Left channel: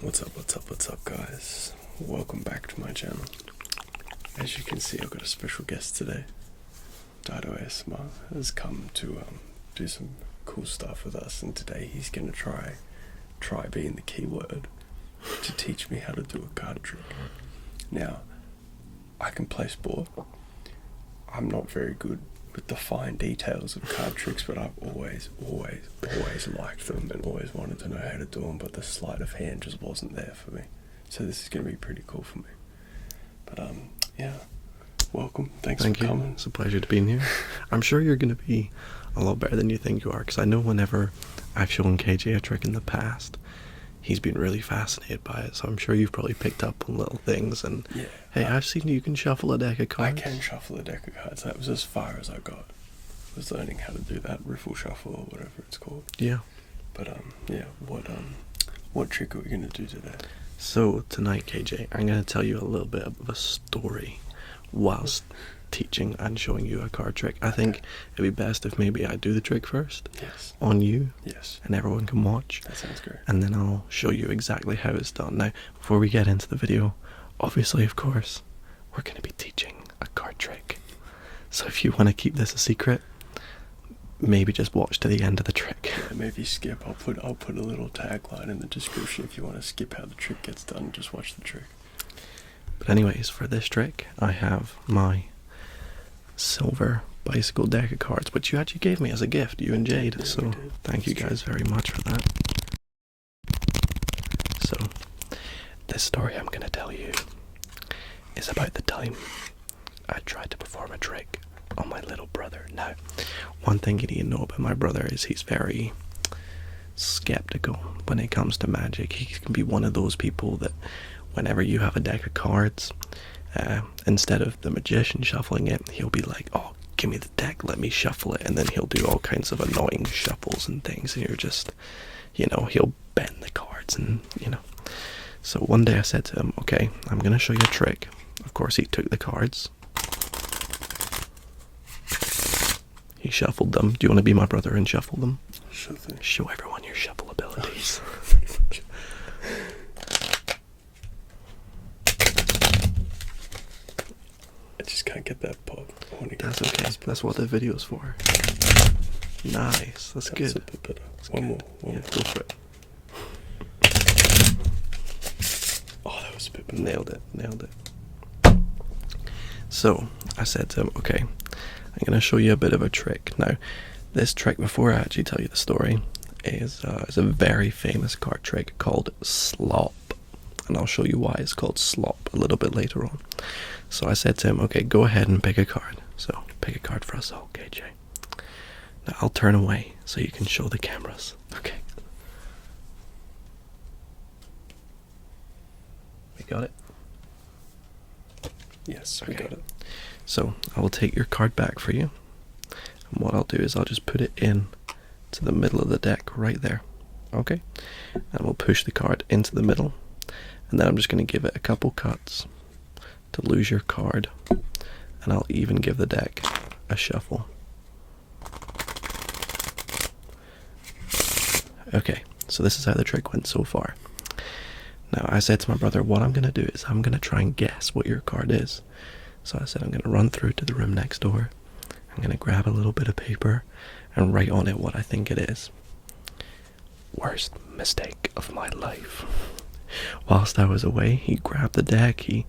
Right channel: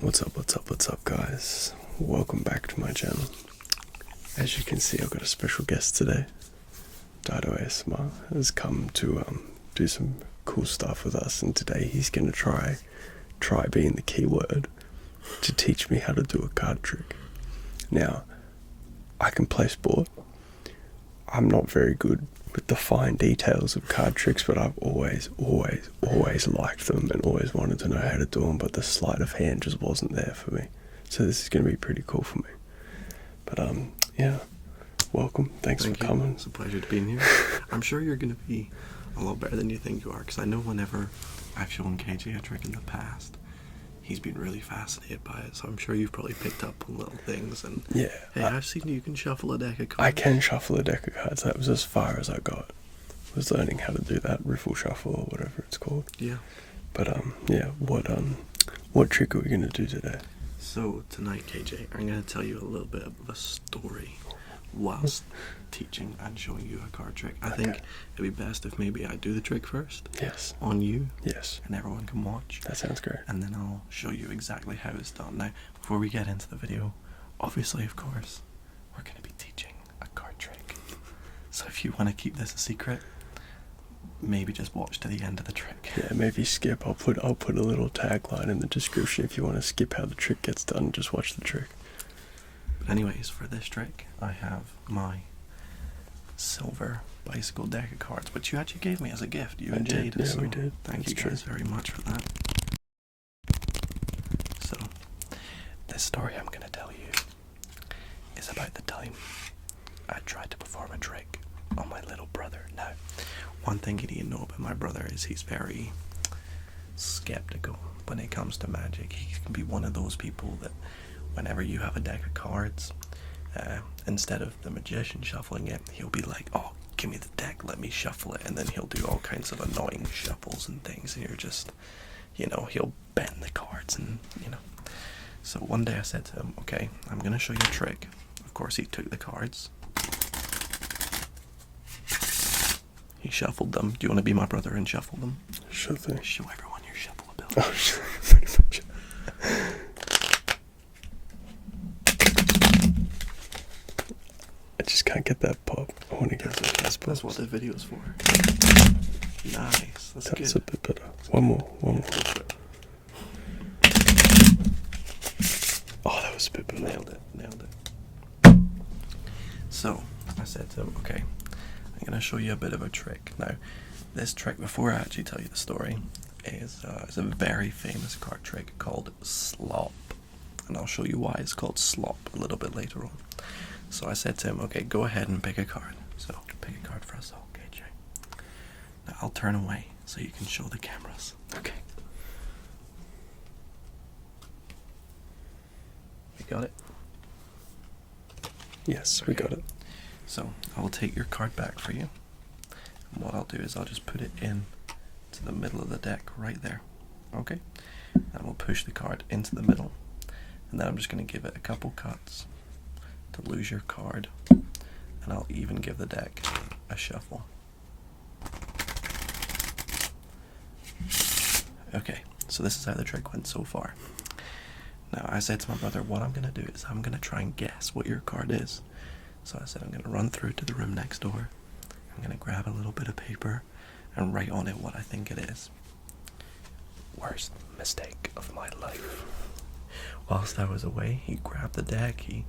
What's up guys? Welcome back to my channel. As you can see, I've got a special guest today. Dido ASMR has come to do some cool stuff with us, and today he's gonna try being the keyword to teach me how to do a card trick. Now, I can play sport. I'm not very good with the fine details of card tricks, but I've always liked them and always wanted to know how to do them, but the sleight of hand just wasn't there for me. So this is going to be pretty cool for me. But yeah, welcome. Thanks for coming. It's a pleasure to be in here. I'm sure you're going to be a lot better than you think you are, because I know whenever I've shown KJ a trick in the past, he's been really fascinated by it, so I'm sure you've probably picked up on little things. And yeah, hey, I've seen you can shuffle a deck of cards. I can shuffle a deck of cards. That was as far as I got. I was learning how to do that riffle shuffle or whatever it's called. Yeah. But yeah, what trick are we gonna do today? So tonight, KJ, I'm gonna tell you a little bit of a story whilst teaching and showing you a card trick. I think it'd be best if maybe I do the trick first. Yes. On you. Yes. And everyone can watch. That sounds great. And then I'll show you exactly how it's done. Now, before we get into the video, obviously, of course, we're going to be teaching a card trick. So if you want to keep this a secret, maybe just watch to the end of the trick. Yeah, maybe skip. I'll put a little tagline in the description if you want to skip how the trick gets done. Just watch the trick. But anyways, for this trick, I have my silver bicycle deck of cards, which you actually gave me as a gift, you and Jade. Yeah, so we did. Thank you guys very much for that. So, this story I'm going to tell you is about the time I tried to perform a trick on my little brother. Now, one thing you need to know about my brother is he's very skeptical when it comes to magic. He can be one of those people that whenever you have a deck of cards, instead of the magician shuffling it, he'll be like, oh, give me the deck, let me shuffle it, and then he'll do all kinds of annoying shuffles and things, and you're just, he'll bend the cards, and so one day I said to him, okay, I'm gonna show you a trick. Of course he took the cards, he shuffled them. Do you want to be my brother and shuffle them? Sure thing. Show everyone your shuffle ability. I just can't get that pop. I want to get That's okay. That's what the video's for. Nice. That's good. That's a bit better. One more. Go for it. Oh, that was a bit better. Nailed it. So, I said to him, okay, I'm going to show you a bit of a trick. Now, this trick, before I actually tell you the story, is a very famous card trick called Slop. And I'll show you why it's called Slop a little bit later on. So I said to him, okay, go ahead and pick a card. So, pick a card for us all, KJ. Now, I'll turn away so you can show the cameras. Okay. We got it? Yes, Okay. we got it. So, I will take your card back for you. And what I'll do is I'll just put it in to the middle of the deck right there. Okay? And we'll push the card into the middle. And then I'm just going to give it a couple cuts to lose your card. And I'll even give the deck a shuffle. Okay, so this is how the trick went so far. Now, I said to my brother, what I'm going to do is I'm going to try and guess what your card is. So I said I'm going to run through to the room next door. I'm going to grab a little bit of paper and write on it what I think it is. Worst mistake of my life. Whilst I was away, he grabbed the deck, he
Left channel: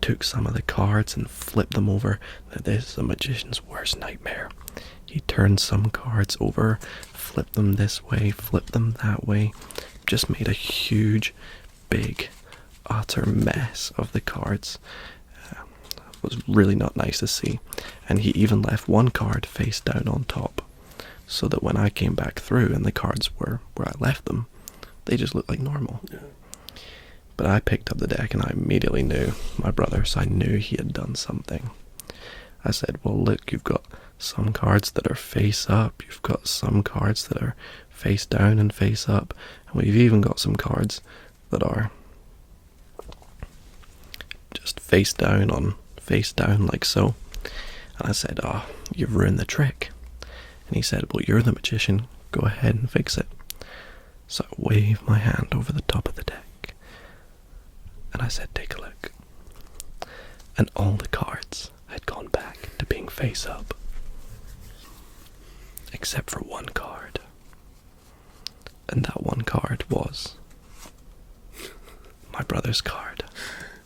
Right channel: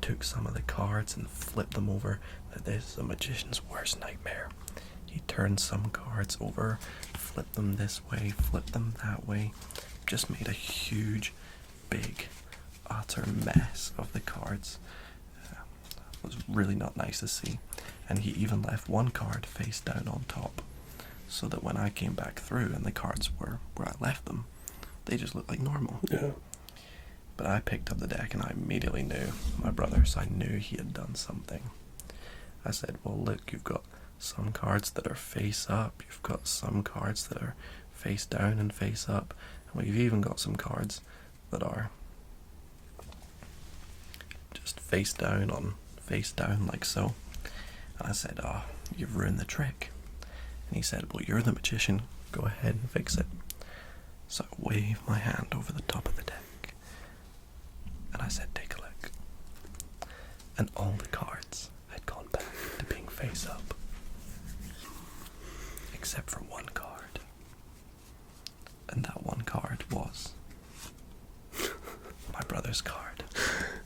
took some of the cards and flipped them over. Now, this is a magician's worst nightmare. He turned some cards over, flipped them this way, flipped them that way, just made a huge, big, utter mess of the cards. It was really not nice to see. And he even left one card face down on top, so that when I came back through and the cards were where I left them, they just looked like normal. Yeah. But I picked up the deck and I immediately knew my brother, so I knew he had done something. I said, well, look, you've got some cards that are face up, you've got some cards that are face down and face up, and we've even got some cards that are just face down on face down, like so. And I said, oh, you've ruined the trick. And he said, well, you're the magician, go ahead and fix it. So I waved my hand over the top of the deck, said, take a look. And all the cards had gone back to being face up. Except for one card. And that one card was my brother's card.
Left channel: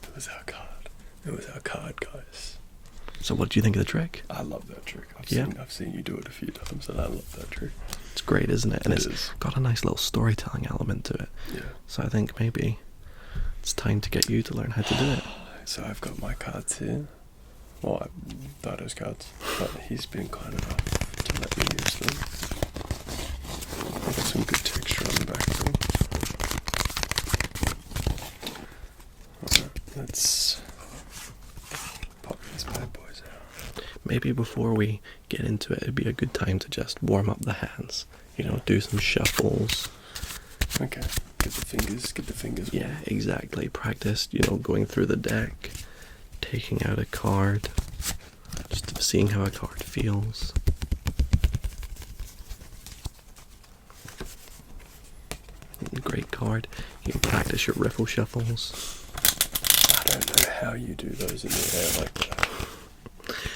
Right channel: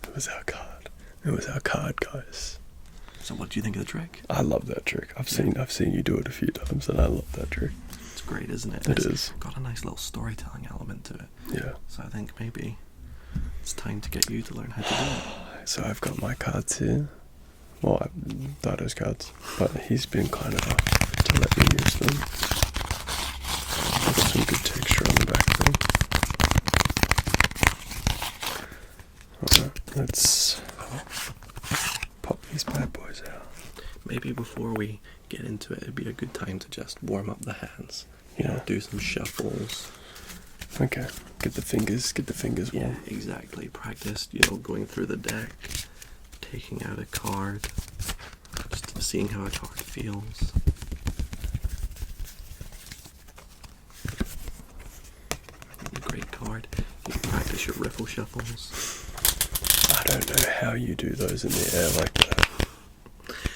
It was our card. It was our card, guys. So what do you think of the trick? I love that trick. I've seen you do it a few times, and I love that trick. It's great, isn't it? And It it's is. got a nice little storytelling element to it. Yeah. So I think maybe it's time to get you to learn how to do it. So I've got my cards here. Well, Dido's cards, but he's been kind enough to let me use them. I've got some good texture on the back of them. Alright, let's pop these bad boys out. Maybe before we get into it, it'd be a good time to just warm up the hands. You know, do some shuffles. Okay, get the fingers warm. Yeah, exactly. Practice, going through the deck, taking out a card, just seeing how a card feels. Great card. You can practice your riffle shuffles. I don't know how you do those in the air like that.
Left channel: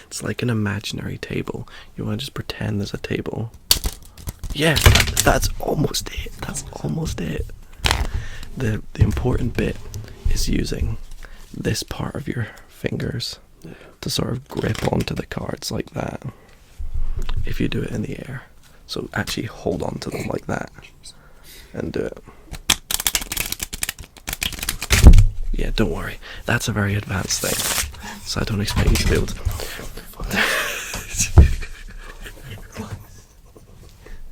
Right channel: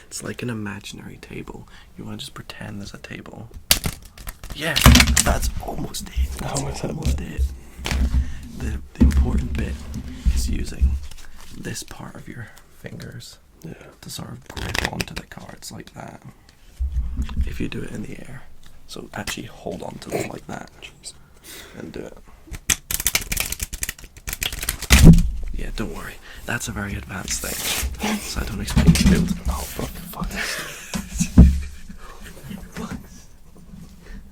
It's like an imaginary table. You want to just pretend there's a table. Yeah, that's almost it. That's almost it. The important bit is using this part of your fingers to sort of grip onto the cards like that. If you do it in the air. So actually hold on to them like that. And do it. Yeah, don't worry. That's a very advanced thing. So I don't expect you to be able to... Oh, fuck.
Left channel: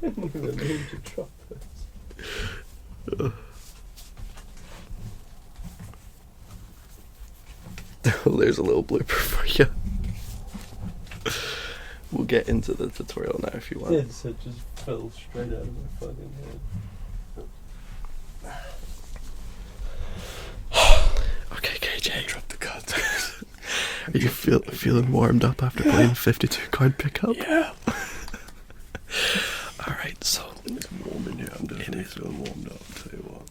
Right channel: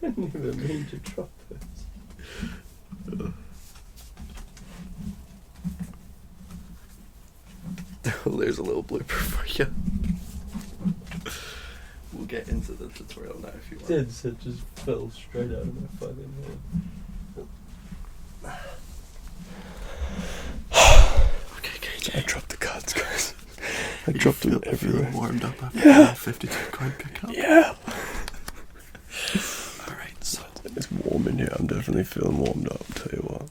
I didn't even mean to drop it. Oh, there's a little blooper for you. We'll get into the tutorial now if you want. It just fell straight out of my fucking head. Okay, KJ. I dropped the cards, guys. Are you feeling warmed up after playing a 52 card pickup? Yeah. Alright, so It's warm in here. I'm definitely feeling warmed up, I'll tell you what.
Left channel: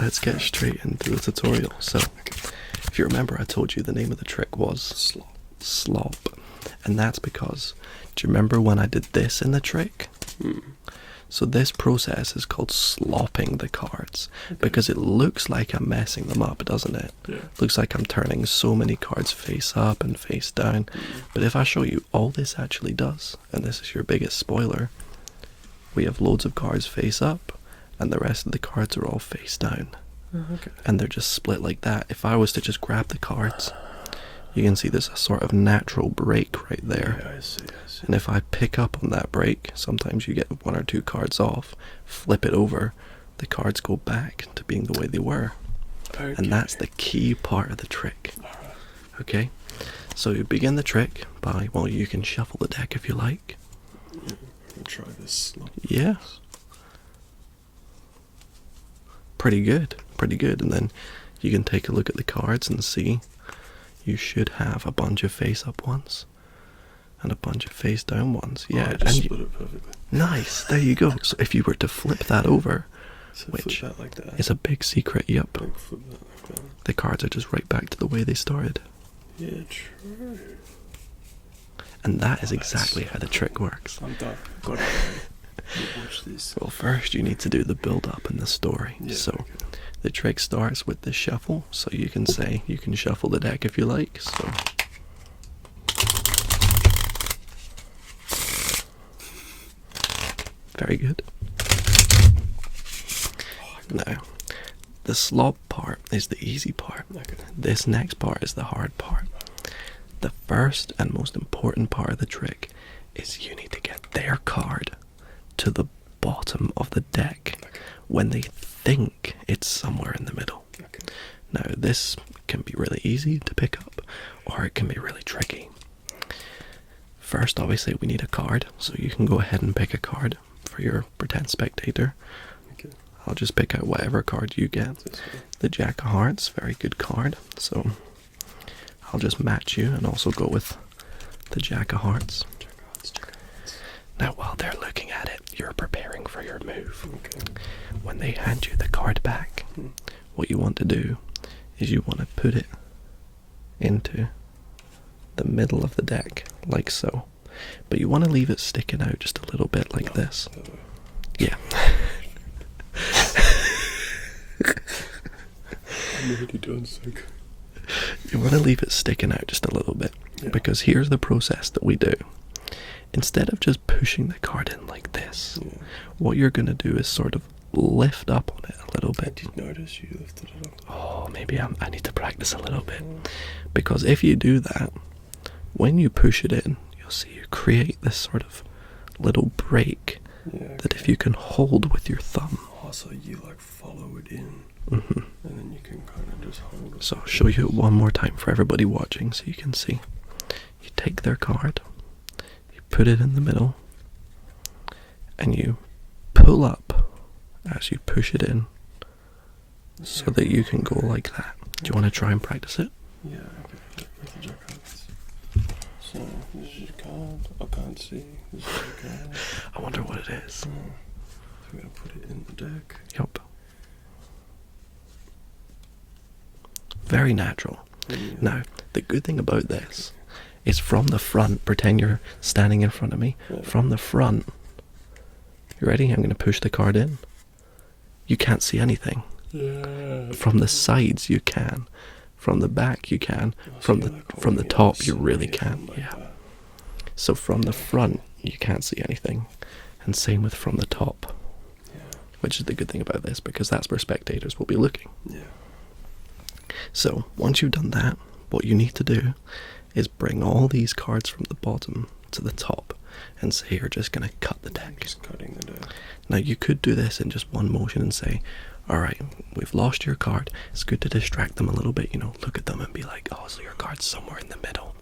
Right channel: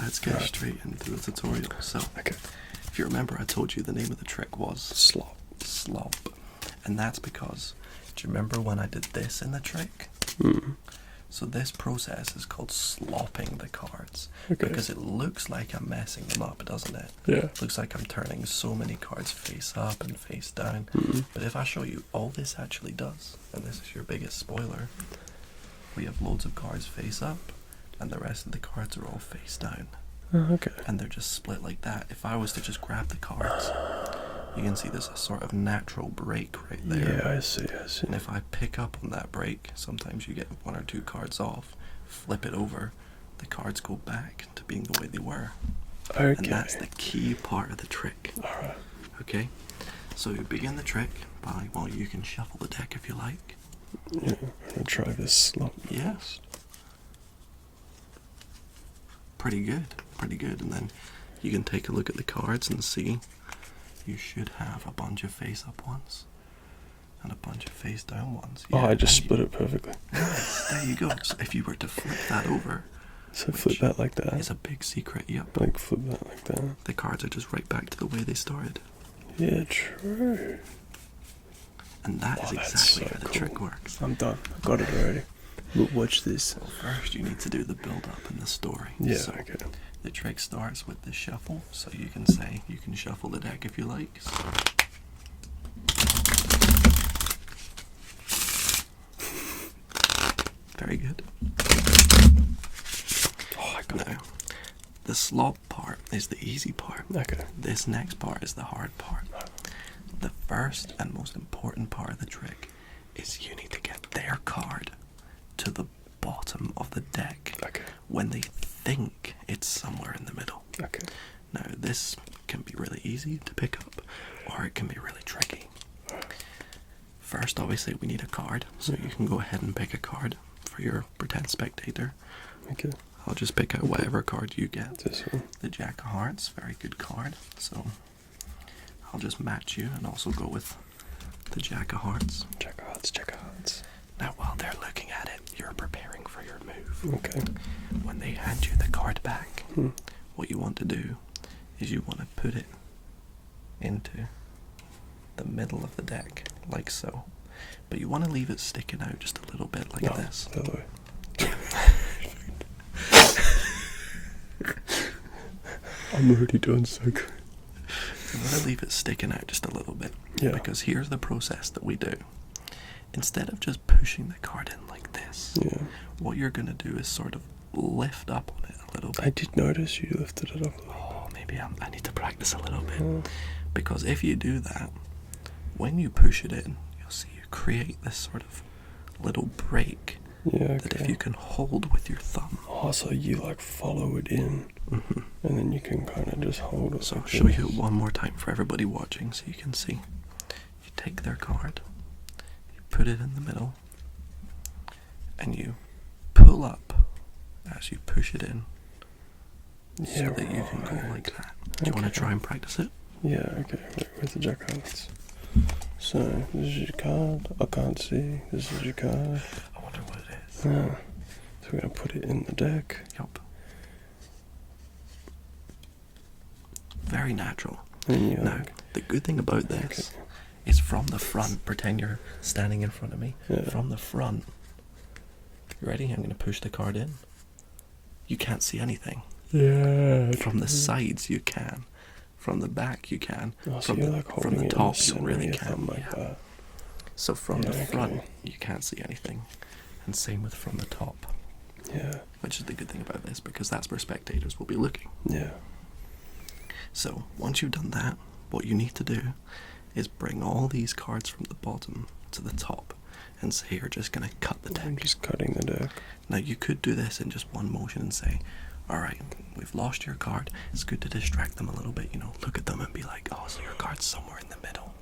let's get straight into the tutorial. So, Okay. if you remember, I told you the name of the trick was Slop. Slop. And that's because, do you remember when I did this in the trick? So this process is called slopping the cards, because it looks like I'm messing them up, doesn't it? Yeah. Looks like I'm turning so many cards face up and face down. But if I show you, all this actually does, and this is your biggest spoiler, we have loads of cards face up, and the rest of the cards are all face down. Okay. And they're just split like that. If I was to just grab the cards, you can see there's a sort of natural break right there. Yeah, I see. And if I pick up on that break, sometimes you get one or two cards off, flip it over, the cards go back to being the way they were. Okay. And that's the key part of the trick. Alright. Okay? So you begin the trick by, well, you can shuffle the deck if you like. Yeah, I'll try this slop. Yeah. Pretty good. And then you can take a look at the cards and see you should have a bunch of face up ones and a bunch of face down ones. Yeah, I just split it perfectly. Nice, there you go. So if you were to flip that over, So which flip that like that. is a big secret, yep, Like flip that like that. the cards are just right back to the way they started. Yeah, true. And that is Oh, that's exactly so how the cool. trick works. I'm done. I got it already. Look, watch this. Well, first you need to do the build up and the story. Yeah, So okay. the trick starts with the shuffle, so you can say you can shuffle the deck if you like. So very good. Now, the slop part is the easy part. Okay. This next part is the hard part. The first and most important part of the trick is you need to get their card to the bottom of the deck Okay. when they think it's somewhere in the middle. Okay. Now, this can be really easy to pick up, or it can be really tricky. First, obviously, we need a card, so you can go ahead and pick a card for your pretend spectator. Okay. I'll just pick out whatever card you get. This one. The Jack of Hearts, very good card, so I'll just match you and also go with the Jack of Hearts. Check hearts, check hearts. Now, while they're looking at it, you're preparing for your move. Okay. When they hand you the card back, what you want to do is you want to put it into the middle of the deck, like so. But you want to leave it sticking out just a little bit like this. Yeah. I'm already doing so good. You want to leave it sticking out just a little bit. Yeah. Because here's the process that we do. Instead of just pushing the card in like this, what you're going to do is sort of lift up on it a little bit. I did notice you lifted it up. Oh, maybe I need to practice a little bit. Because if you do that, when you push it in, you'll see you create this sort of little break that if you can hold with your thumb. Oh, so you like follow it in, and then you can kind of just hold it. So I'll show you one more time for everybody watching so you can see. You take their card, you put it in the middle, and you pull up as you push it in so that you can go like that. Do you want to try and practice it? Yeah, okay. Where's the jack of hearts? So, this is your card. I can't see. This is your card. I wonder what it is. So we're going to put it in the deck. Yup. Very natural. Now, the good thing about this is from the front, pretend you're standing in front of me. Yeah. From the front, you ready? I'm going to push the card in. You can't see anything. Yeah. From the sides, you can. From the back, you can. From the top, you really can. Yeah. So from the front, you can't see anything. And same with from the top. Yeah. Which is the good thing about this, because that's where spectators will be looking. Yeah. So, once you've done that, what you need to do is bring all these cards from the bottom to the top and say you're just going to cut the deck. I'm just cutting the deck. Now, you could do this in just one motion and say, alright, we've lost your card. It's good to distract them a little bit, look at them and be like, oh, so your card's somewhere in the middle.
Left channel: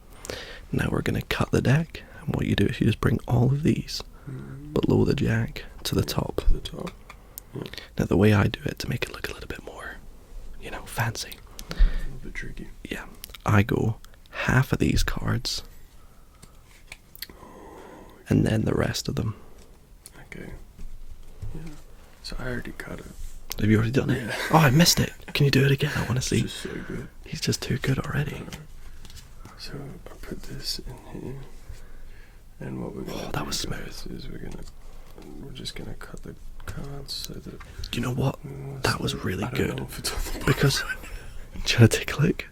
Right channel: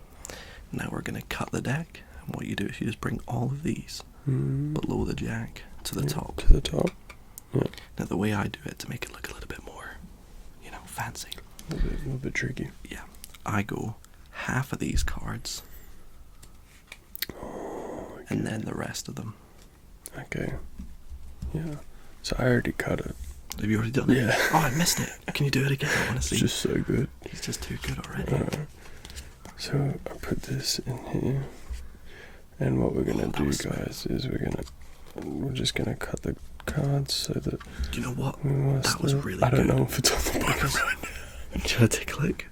Now we're going to cut the deck, and what you do is you just bring all of these below the jack to the top. To the top. Yeah. Now, the way I do it to make it look a little bit more, fancy. A little bit tricky. Yeah. I go half of these cards, and then the rest of them. Okay. Yeah. So I already cut it. Have you already done it? Yeah. Oh, I missed it. Can you do it again? I want to see. He's just so good. He's just too good already. So I put this in here, and what we're gonna do, guys, is we're just gonna cut the cards so that. Do you know what? That was really good. I don't know if it's on the bottom. Because do you want to take a look?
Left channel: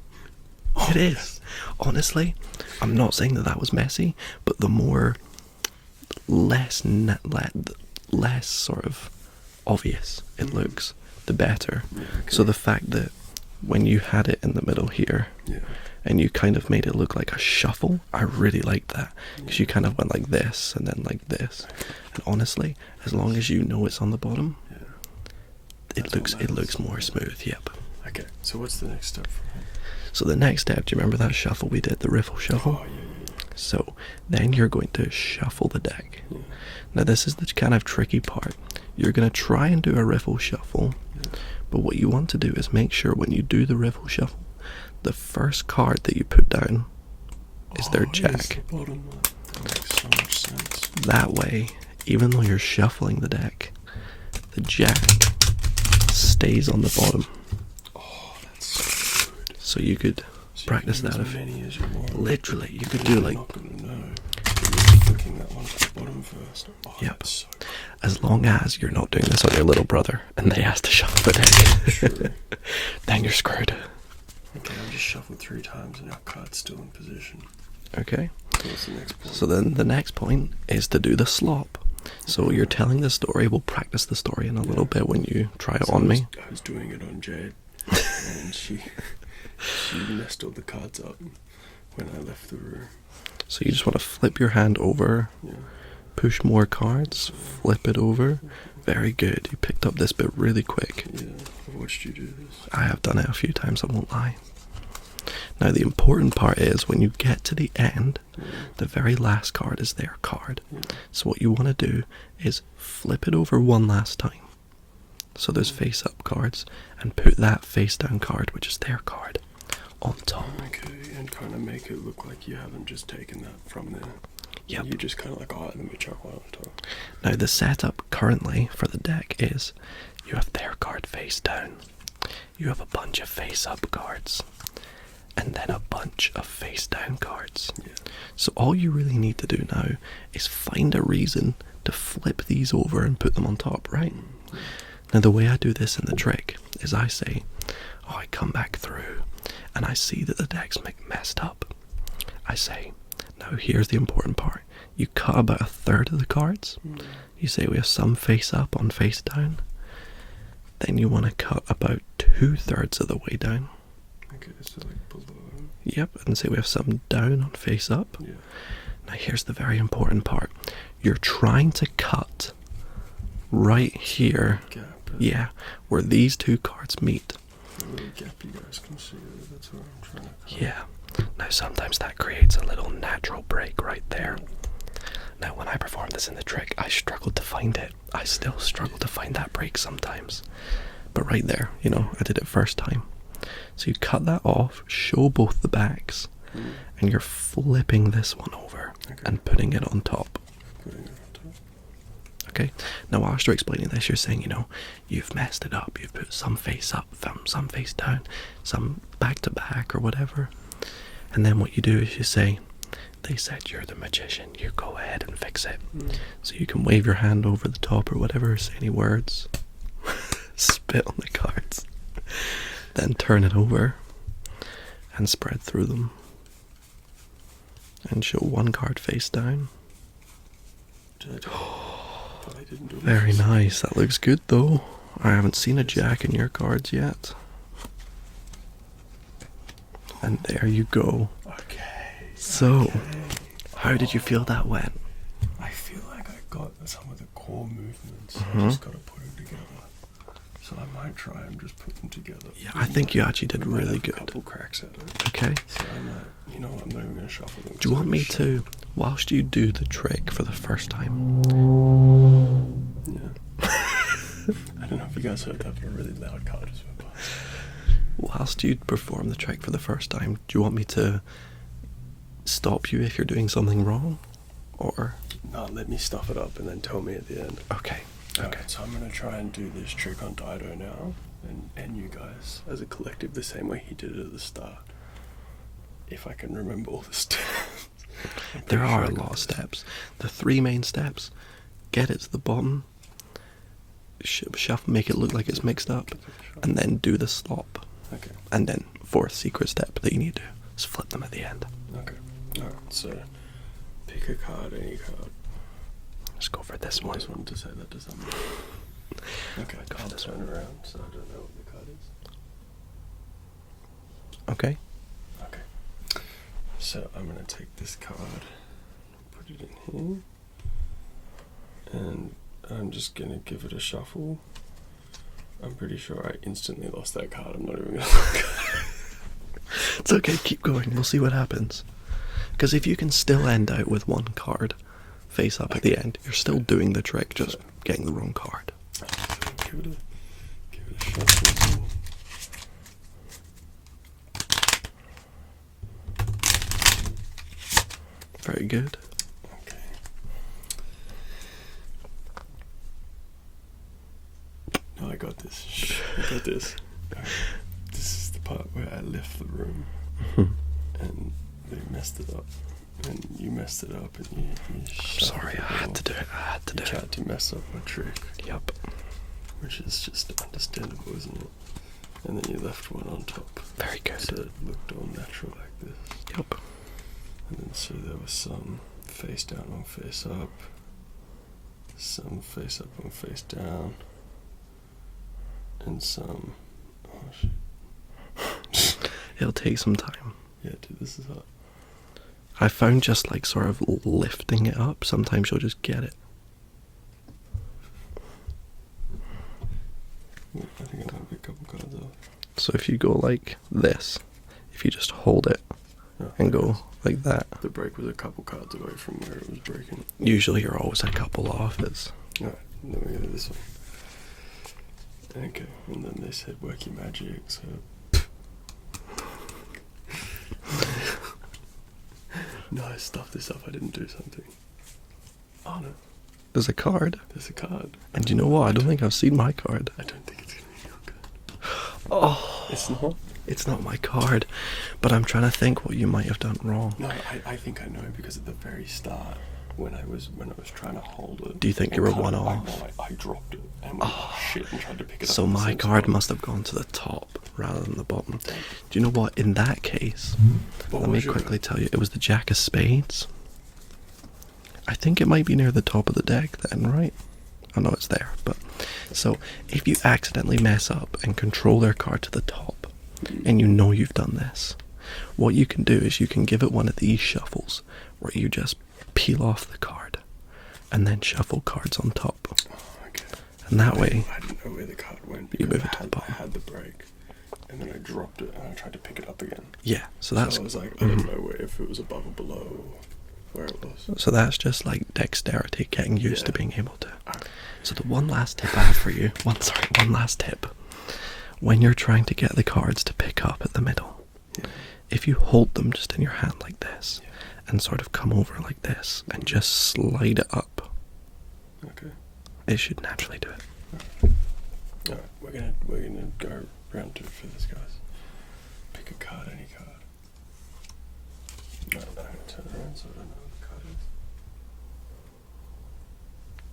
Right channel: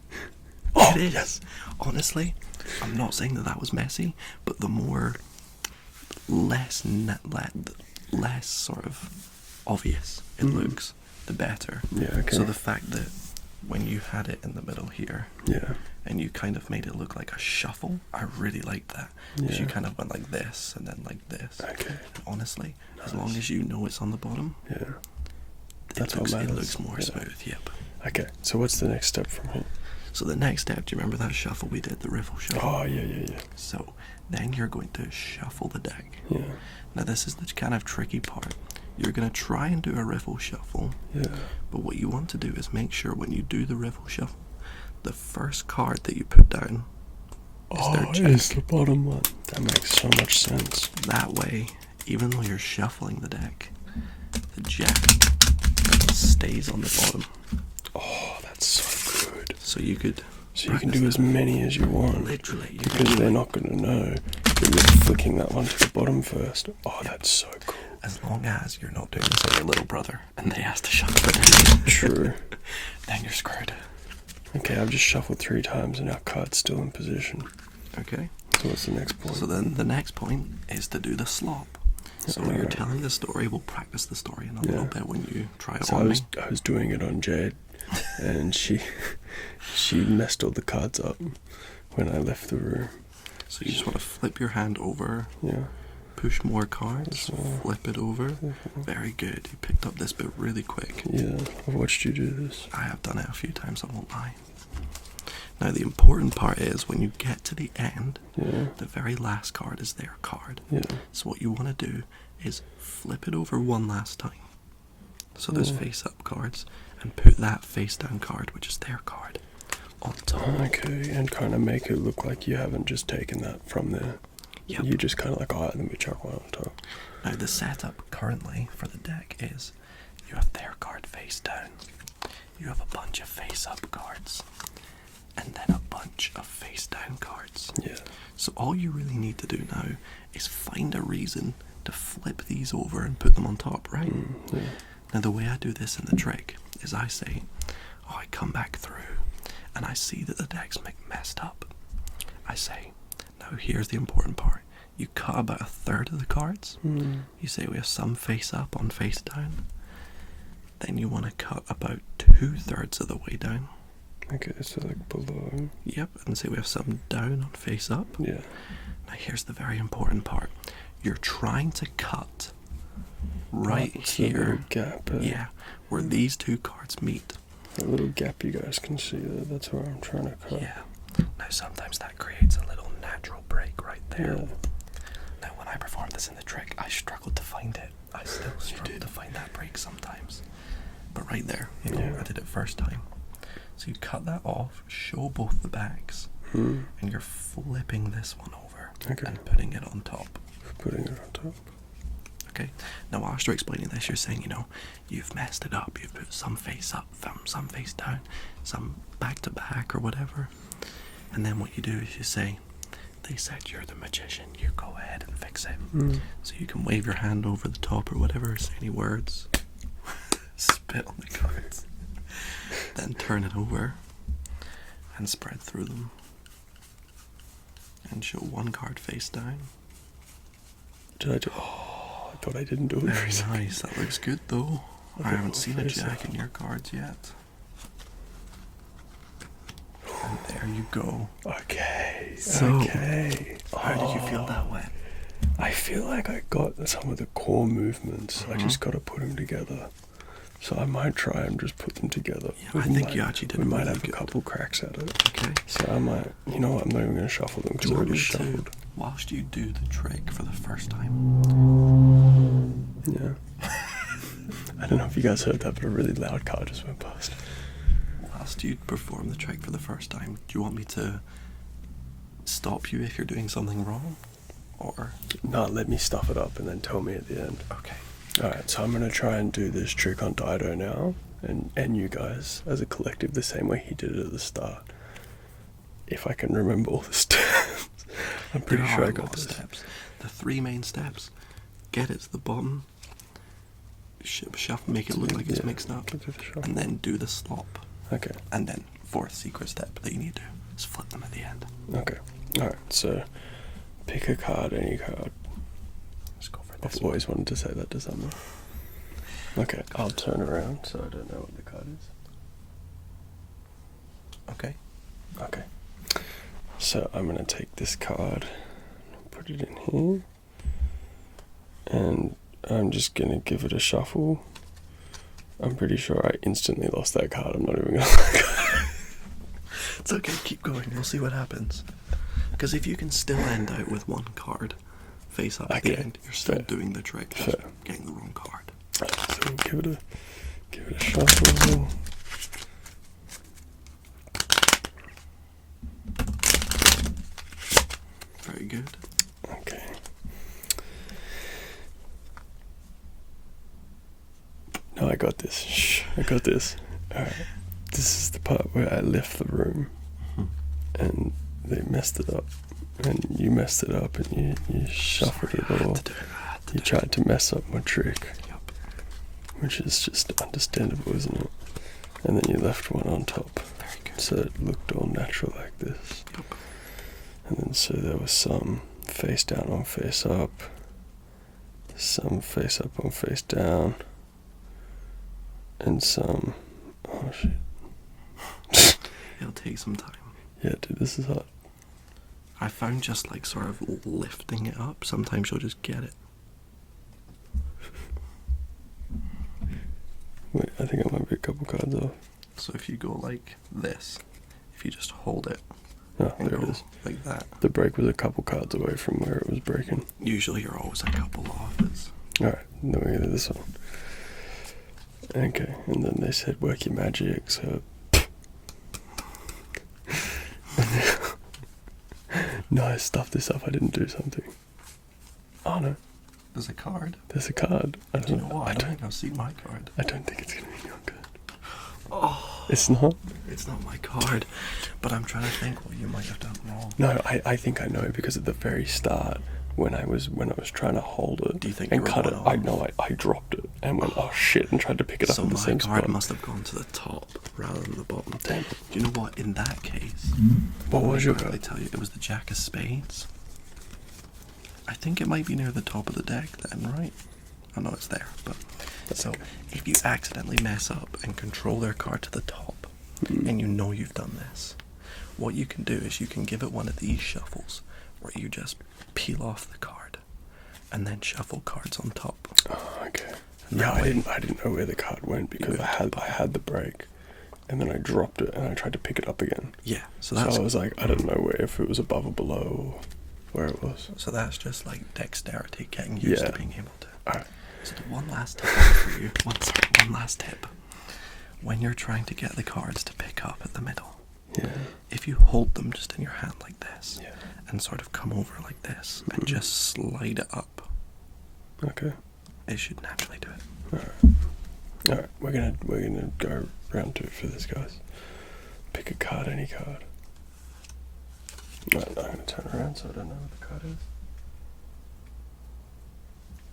Oh, it is. Yes. Honestly, I'm not saying that was messy, but the more less sort of obvious it looks, the better. Yeah, okay. So the fact that when you had it in the middle here, and you kind of made it look like a shuffle, I really liked that. Because you kind of went like this and then like this. Okay. And honestly, as long as you know it's on the bottom, it looks more smooth. Yep. Okay. So what's the next step from here? So the next step, do you remember that shuffle we did, the riffle shuffle? Oh, yeah. So then you're going to shuffle the deck. Yeah. Now this is the kind of tricky part. You're going to try and do a riffle shuffle, but what you want to do is make sure when you do the riffle shuffle, the first card that you put down is their jack. It's the bottom one. That makes so much sense. That way, even though you're shuffling the deck, the jack stays on the bottom. Oh, that's so good. So you could practice that. You can do as many as you want. Literally, you could do do they're not going to know. You're just flicking that one to the bottom first. Oh, that's so cool. As long as you're not doing this on your little brother and they ask to shuffle the deck. True. Then you're screwed. Okay, I've just shuffled 3 times and our card's still in position. Okay. So what's the next point? So then the next point is to do the slop. So you're telling the story. We'll practice the story in a little bit when you try it on me. I was doing it on Jade, and she messed all the cards up when I left the room. So you just want to flip your hand over, push more cards, flip it over. Very good. You picked up this bit really quick. Yeah, I've watched you do this. I have done it a few times, I won't lie. Now the important part is when you get to the end, the very last card is their card. So what you want to do is flip it over one last time. So there's face up cards, and put that face down card, which is their card, on top. Okay, and kind of make it look like you haven't just taken that from there. Yep. You just kind of like, let me chuck one on top. Now the setup currently for the deck is you have their card face down. you have a bunch of face-up cards, and then a bunch of face-down cards. Yeah. So all you really need to do now is find a reason to flip these over and put them on top, right? Yeah. Now the way I do this in the trick is I say, I come back through and I see that the deck's messed up. I say, now here's the important part. You cut about 1/3 of the cards. You say we have some face up on face down. Then you want to cut about 2/3 of the way down. Okay, so like below. Yep, and say we have some down on face up. Yeah. Now here's the very important part. You're trying to cut right here. Gap. Yeah, where these two cards meet. A little gap you guys can see there. That's where I'm trying to cut. Yeah. Now sometimes that creates a little natural break right there. Yeah. Now when I performed this in the trick, I struggled to find it. I still struggle to find that break sometimes. But right there, you know, I did it first time. So you cut that off, show both the backs, and you're flipping this one over and putting it on top. Putting it on top. Okay? Now whilst you're explaining this, you're saying, you know, you've messed it up. You've put some face up, some face down, some back to back or whatever. And then what you do is you say, they said you're the magician, you go ahead and fix it. So you can wave your hand over the top or whatever, say any words, spit on the cards, then turn it over and spread through them. And show one card face down. Did I do it? I thought I didn't do it. Very nice, that looks good though. I haven't seen a jack in your cards yet. And there you go. Okay. So, okay. How did you feel that went? I feel like I got some of the core movements. I just got to put them together. So I might try and just put them together. Yeah, I think you actually did might really have good. a couple cracks at it. Okay. So I might, you know what, I'm not even going to shuffle them. Do you want me to, whilst you do the trick for the first time? Yeah. I don't know if you guys heard that, but a really loud car just went past. Whilst you perform the trick for the first time, do you want me to stop you if you're doing something wrong? Or? No, let me stuff it up and then tell me at the end. Okay. Alright, so I'm going to try and do this trick on Dido now, and you guys, as a collective, the same way he did it at the start. If I can remember all the steps. There are a lot of steps. The 3 main steps. Get it to the bottom, shuffle, make it look like it's mixed up, and then do the slop. Okay. And then 4th secret step that you need to do is flip them at the end. Okay. Alright, so pick a card, any card. Let's go for this I've always wanted to say that to someone. Okay, I'll turn around so I don't know what the card is. Okay. Okay. So I'm going to take this card, put it in here, and I'm just going to give it a shuffle. I'm pretty sure I instantly lost that card. I'm not even going to look. It's okay, keep going. We'll see what happens. Because if you can still end out with one card face up at the end, you're still doing the trick, just getting the wrong card. So give it a shuffle. Very good. Okay. No, I got this. Shh, I got this. Alright. This is the part where I left the room and they messed it up. And you messed it up and you shuffled it all. I had to do it. You tried to mess up my trick. Yep. Which is just understandable, isn't it? And then you left one on top. Very good. So it looked all natural like this. Yep. And then so there was some face down on face up. Some face up on face down. And some... Oh shit. It'll take some time. Yeah, dude, this is hard. I found just like sort of lifting it up, sometimes you'll just get it. Wait, I think I might be a couple cards off. So if you go like this, if you just hold it and go like that. The break was a couple cards away from where it was breaking. Usually you're always a couple off. Alright, then we go to this one. Okay, and then they said work your magic, so... No, I stuffed this up, I didn't do something. Oh no. There's a card. There's a card. And do you know what? I don't think I've seen my card. I don't think it's going to be your card. Oh, It's not? it's not my card, but I'm trying to think what you might have done wrong. No, I think I know because at the very start, when I was trying to hold it, Do you think and you were cut one it, off? I know I dropped it and went, oh shit, and tried to pick it up. So at the my same card spot. must have gone to the top rather than the bottom. Damn. Do you know what? In that case, What let was me your quickly card? tell you, it was the Jack of Spades. I think it might be near the top of the deck then, right? I know it's there, but so if you accidentally mess up and control their card to the top, and you know you've done this, what you can do is you can give it one of these shuffles where you just peel off the card and then shuffle cards on top. Oh, okay. And that I way, didn't know where the card went because moved it to the I had the break, and then I dropped it and I tried to pick it up again. yeah. So that's So I was like, I didn't know if it was above or below, or where it was. so that's just like dexterity, getting used to Yeah. being able to. Alright. So the one last tip I have for you, one last tip. When you're trying to get the cards to pick up at the middle, Yeah. if you hold them just in your hand like this, Yeah. and sort of come over like this, and just slide it up, Okay. it should naturally do it. Alright, we're gonna go round two for this, guys. Pick a card, any card. Right, I'm gonna turn around so I don't know what the card is.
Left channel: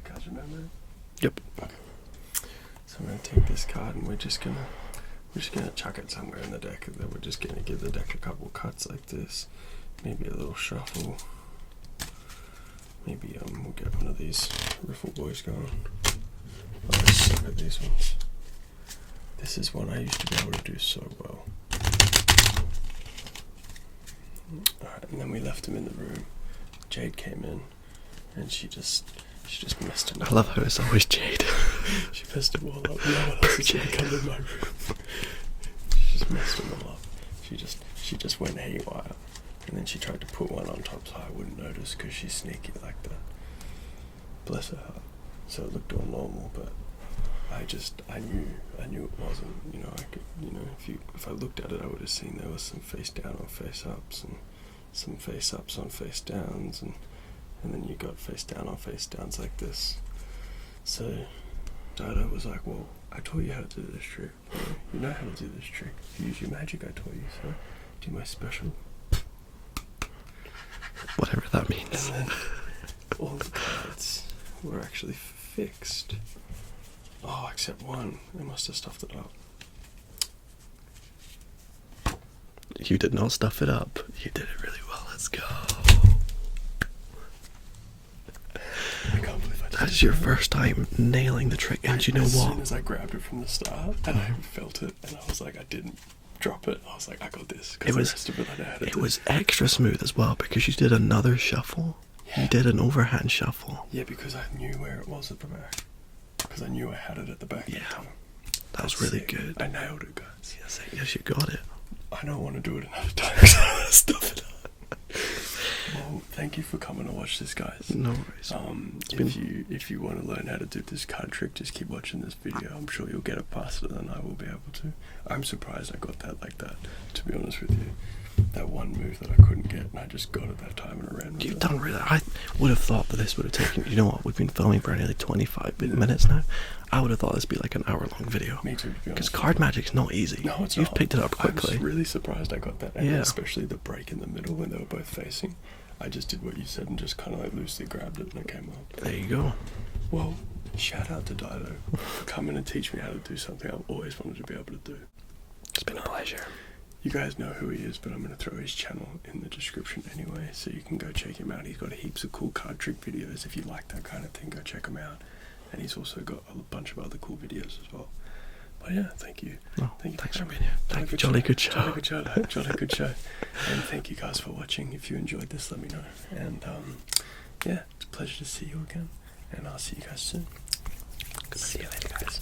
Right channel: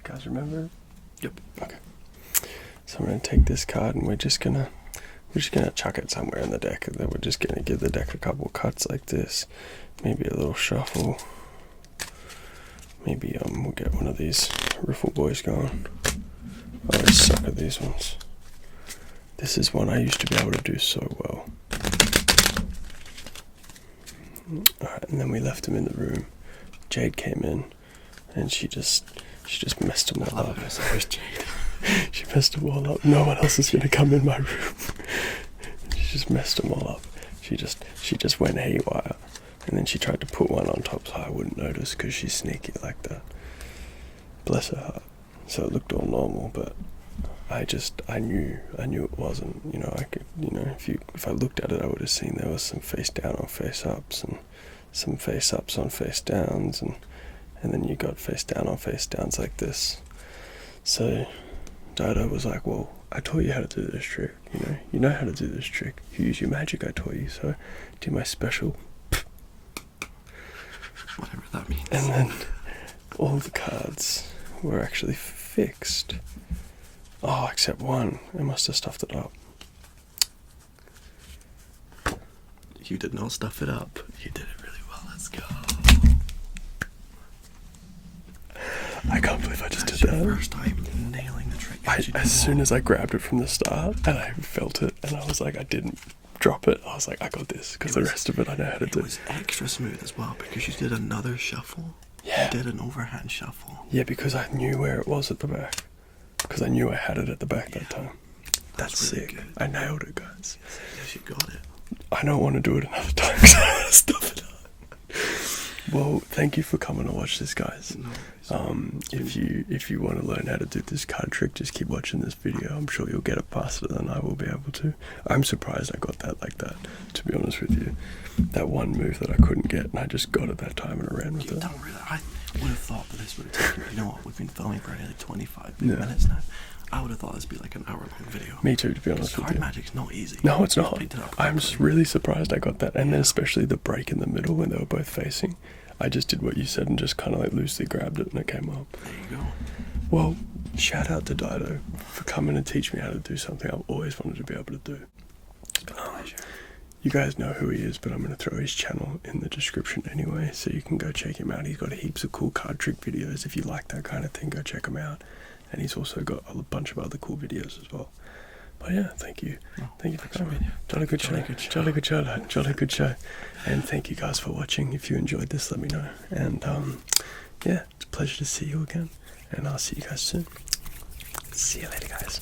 Guys, remember it? Yep. Okay. So I'm gonna take this card and we're just gonna chuck it somewhere in the deck, and then we're just gonna give the deck a couple cuts like this. Maybe a little shuffle. Maybe we'll get one of these riffle boys going. I always suck at these ones. This is one I used to be able to do so well. Alright, and then we left him in the room. Jade came in and she just messed him all I love up. how it's always Jade. She messed them all up. No one else is gonna come in my room. She just messed them all up. She just went haywire, and then she tried to put one on top so I wouldn't notice because she's sneaky like that. Bless her heart. So it looked all normal, but I knew it wasn't. You know, I could, if I looked at it, I would have seen there was some face down on face ups and some face ups on face downs, and then you got face down on face downs like this. So Dido was like, well, I taught you how to do this trick, you know how to do this trick, you use your magic I taught you, so do my special, Whatever that means. and then all the cards were actually fixed. Oh, except one, I must have stuffed it up. You did not stuff it up. You did it really well. Let's go. I can't believe I just That's did your that. first time nailing the trick. And you know As what? soon as I grabbed it from the start and I felt it and I was like, I didn't drop it, I was like, I got this, because the rest of it I know how to do. It was extra smooth as well because you did another shuffle. Yeah. You did an overhand shuffle. Yeah, because I knew where it was at the back. Because I knew I had it at the back Yeah. that time. That's That's really sick. good. I nailed it, guys. Yes, you got it. I don't want to do it another time because I want to stuff it up. Well, thank you for coming to watch this, guys. No worries. If you want to learn how to do this card trick, just keep watching this video. I'm sure you'll get it faster than I will be able to. I'm surprised I got that like that, to be honest with you. That one move that I couldn't get, and I just got it that time and I ran with You've it. done really. I would have thought that this would have taken. You know what? We've been filming for nearly 25 Yeah. minutes now. I would have thought this would be like an hour-long video. Me too, to be Because honest. card magic's not easy. No, it's You've not. picked it up I'm quickly. really surprised I got that, and Yeah. especially the break in the middle when they were both facing. I just did what you said and just kind of like loosely grabbed it and it came up. There you go. Well, shout out to Dido for coming and teach me how to do something I've always wanted to be able to do. It's been a pleasure. You guys know who he is, but I'm going to throw his channel in the description anyway, so you can go check him out. He's got heaps of cool card trick videos. If you like that kind of thing, go check him out. And he's also got a bunch of other cool videos as well. But yeah, thank you. Oh, Thank you for thanks for coming. being here. Jolly good Jolly show. good show. Jolly good show. Jolly good show. And thank you guys for watching. If you enjoyed this, let me know. And yeah, it's a pleasure to see you again. And I'll see you guys soon. See you later, guys.